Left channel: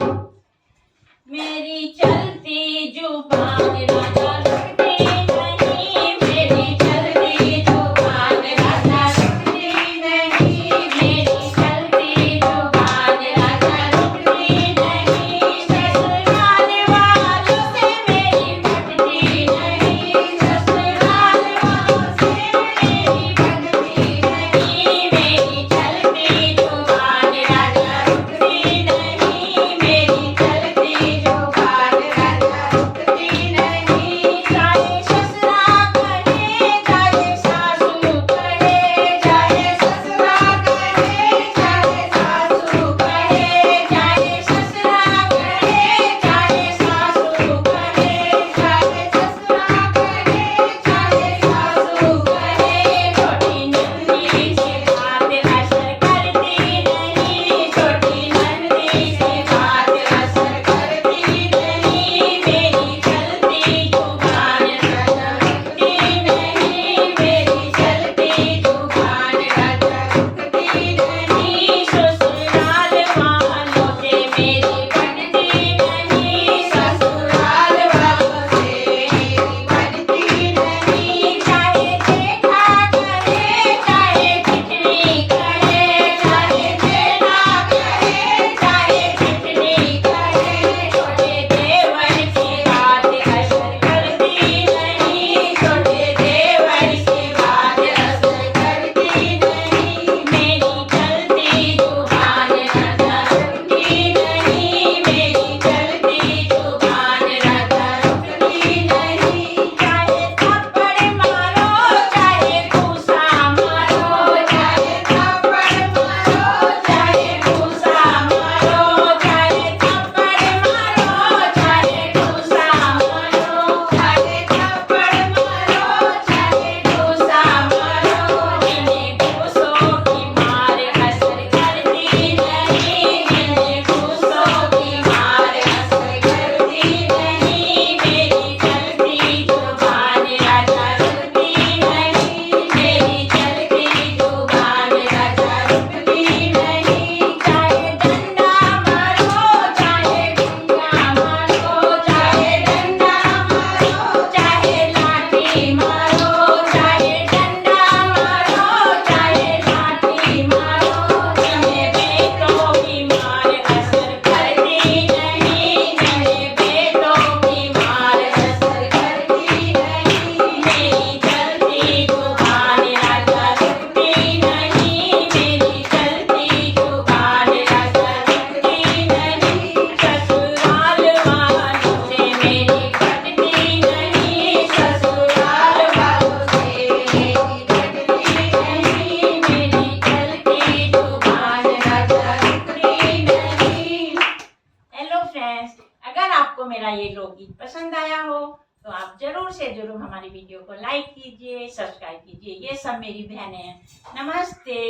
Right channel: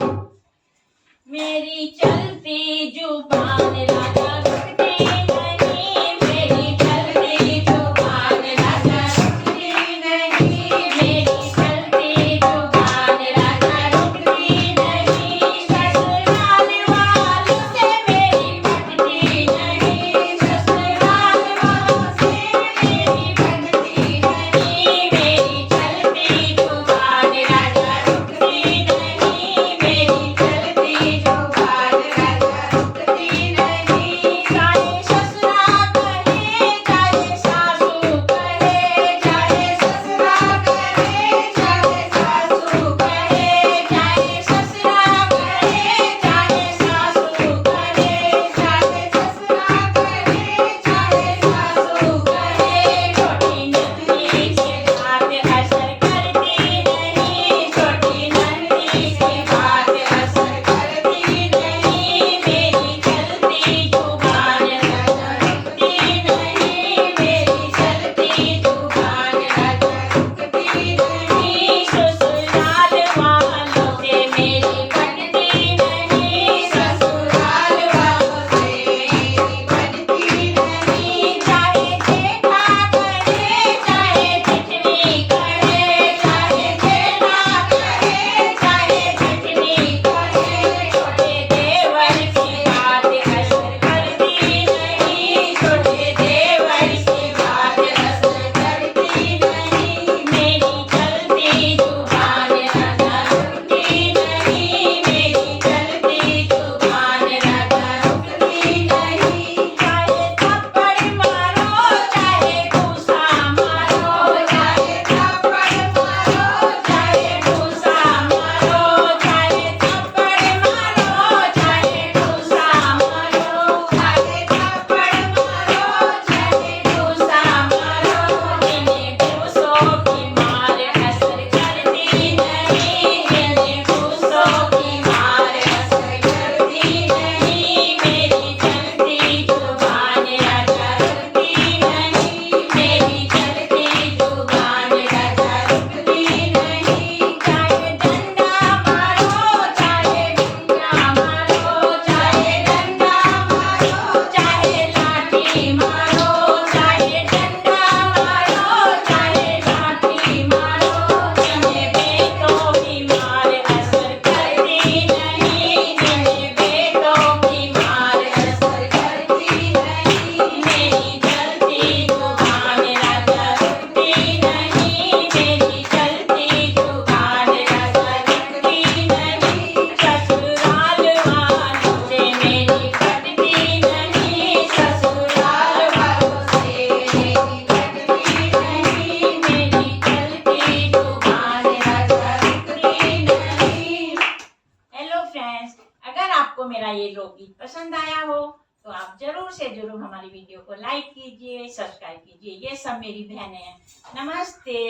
मेरी चलती जुबान राजा रुकती नहीं, मेरी चलती जुबान राजा रुकती नहीं, मेरी चलती जुबान राजा रुकती नहीं। ससुराल वालों से मेरी बनती नहीं, ससुराल वालों से मेरी बनती नहीं, मेरी चलती जुबान राजा रुकती नहीं, मेरी चलती जुबान राजा रुकती नहीं। चाहे ससुरा करे चाहे सासू करे, चाहे ससुरा करे चाहे सासू करे, चाहे ससुरा करे चाहे सासू करे, चाहे ससुरा करे चाहे सासू करे। छोटी नंदी से बात असर करती नहीं, छोटी नंदी से बात असर करती नहीं, मेरी चलती जुबान राजा रुकती नहीं, मेरी चलती जुबान राजा रुकती नहीं। ससुराल वालों से मेरी बनती नहीं, ससुराल वालों से मेरी बनती नहीं। चाहे जेठा करे चाहे जितनी करे, चाहे जेठा करे चाहे जितनी करे, छोटे देवर की बात असर करती नहीं, छोटे देवर की बात असर करती नहीं। मेरी चलती जुबान राजा रुकती नहीं, मेरी चलती जुबान राजा रुकती नहीं। चाहे थप्पड़ मारो चाहे घूसा मारो, चाहे थप्पड़ मारो चाहे घूसा मारो, चाहे थप्पड़ मारो चाहे घूसा मारो, चाहे थप्पड़ मारो चाहे घूसा मारो। इन्हें घूसों की मार असर करती नहीं, इन्हें घूसों की मार असर करती नहीं, मेरी चलती जुबान राजा रुकती नहीं, मेरी चलती जुबान राजा रुकती नहीं। चाहे डंडा मारो चाहे गुंजा मारो, चाहे डंडा मारो चाहे लाठी मारो, चाहे डंडा मारो चाहे लाठी मारो। इन्हें बेटों की मार असर करती नहीं, इन्हें बेटों की मार असर करती नहीं, मेरी चलती जुबान राजा रुकती नहीं, मेरी चलती जुबान राजा रुकती नहीं। ससुराल वालों से मेरी बनती नहीं, ससुराल वालों से मेरी बनती नहीं, मेरी चलती जुबान राजा रुकती नहीं। हेलो फ्रेंड्स, अगर आपको मेरा ये लोकगीत पसंद आया हो तो आप जरूर से जरूर हमारी वीडियो को लाइक कीजिए, सब्सक्राइब कीजिए। ये सब मेरी बहनें हैं। नमस्ते।